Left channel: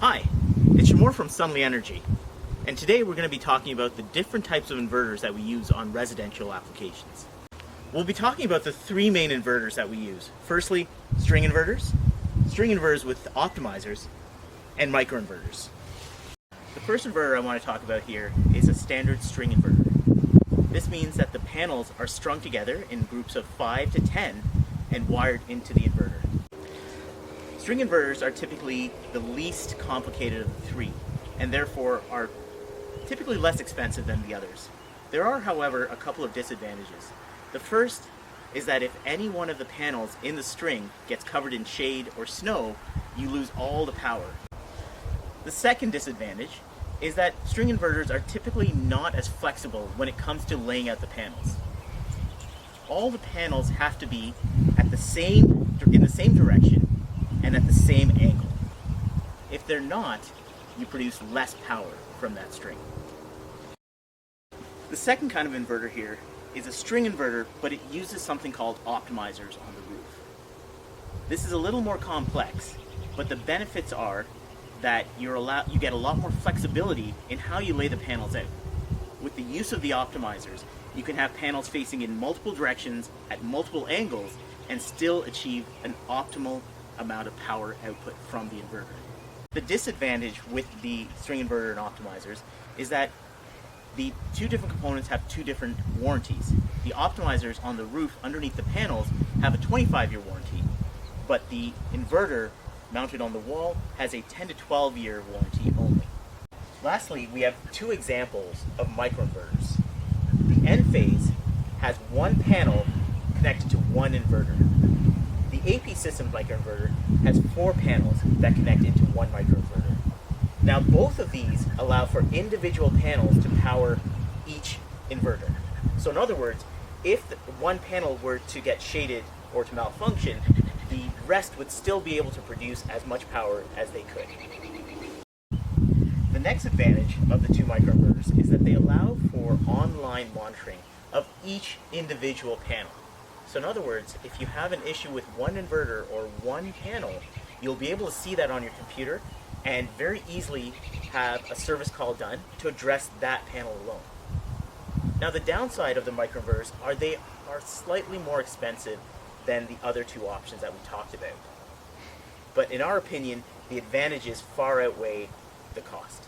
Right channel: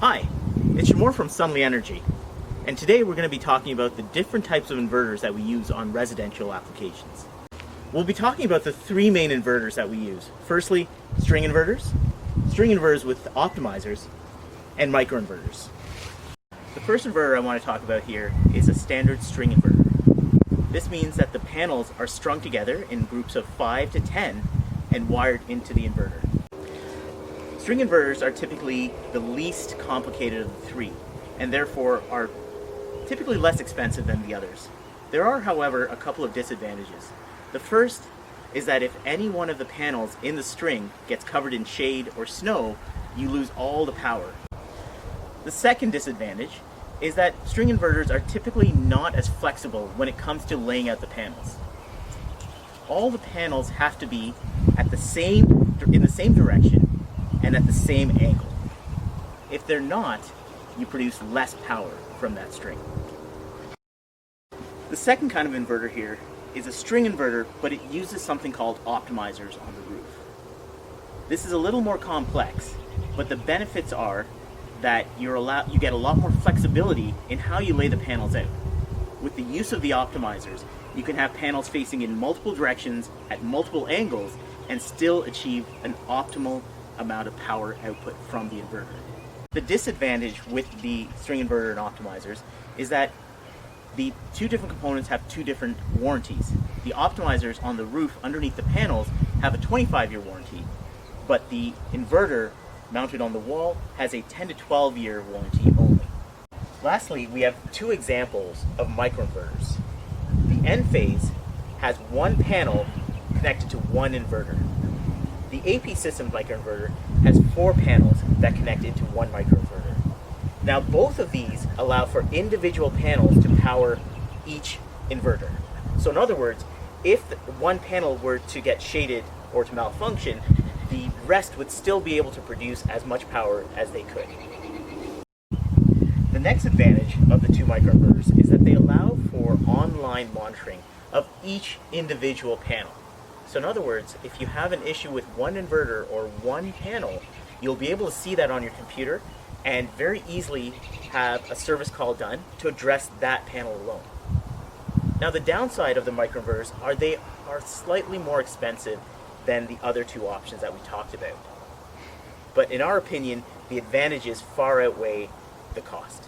Hi, it's Shamor from Sunly Energy, and today we're going to be talking about the different types of inverters that we use on residential applications. We'll be talking about the three main inverters that we use. Firstly, string inverters with optimizers, and microinverters. The first inverter I want to talk about here is a standard string inverter. This means that the panels are strung together in groups of 5 to 10 and wired into the inverter. String inverters are typically the least complicated of the three, and therefore are typically less expensive than the others. There are, however, a couple of disadvantages. The first is that if any one of the panels in the string gets covered in shade or snow, you lose all the power. The second disadvantage is that string inverters are typically not as flexible when it comes to laying out the panels. All the panels have to be in the same direction and at the same angle. If they're not, you produce less power from that string. The second kind of inverter here is a string inverter, but it uses something called optimizers on the roof. This is a little more complex, but the benefits are that you get a lot more flexibility in how you lay the panels out. With the use of the optimizers, you can have panels facing in multiple directions at multiple angles and still achieve an optimal amount of power output from the inverter. The disadvantage with the string inverter and optimizers is that the two different components have two different warranties. The optimizers on the roof underneath the panels have a 25-year warranty, but the inverter mounted on the wall has a 10 to 12-year warranty only. Lastly, we have two examples of microinverters. The N phase has one panel connected to one inverter. The AP system microinverter has 4 panels that connect into one microinverter. Now both of these allow for individual panels to power each inverter. So in other words, if one panel were to get shaded or to malfunction, the rest would still be able to produce as much power as they could. The next advantage of the two microinverters is that they allow for online monitoring of each individual panel. So in other words, if you have an issue with one inverter or one panel, you'll be able to see that on your computer and very easily have a service call done to address that panel alone. Now the downside of the microinverters are they are slightly more expensive than the other two options that we talked about. But in our opinion, the advantages far outweigh the cost.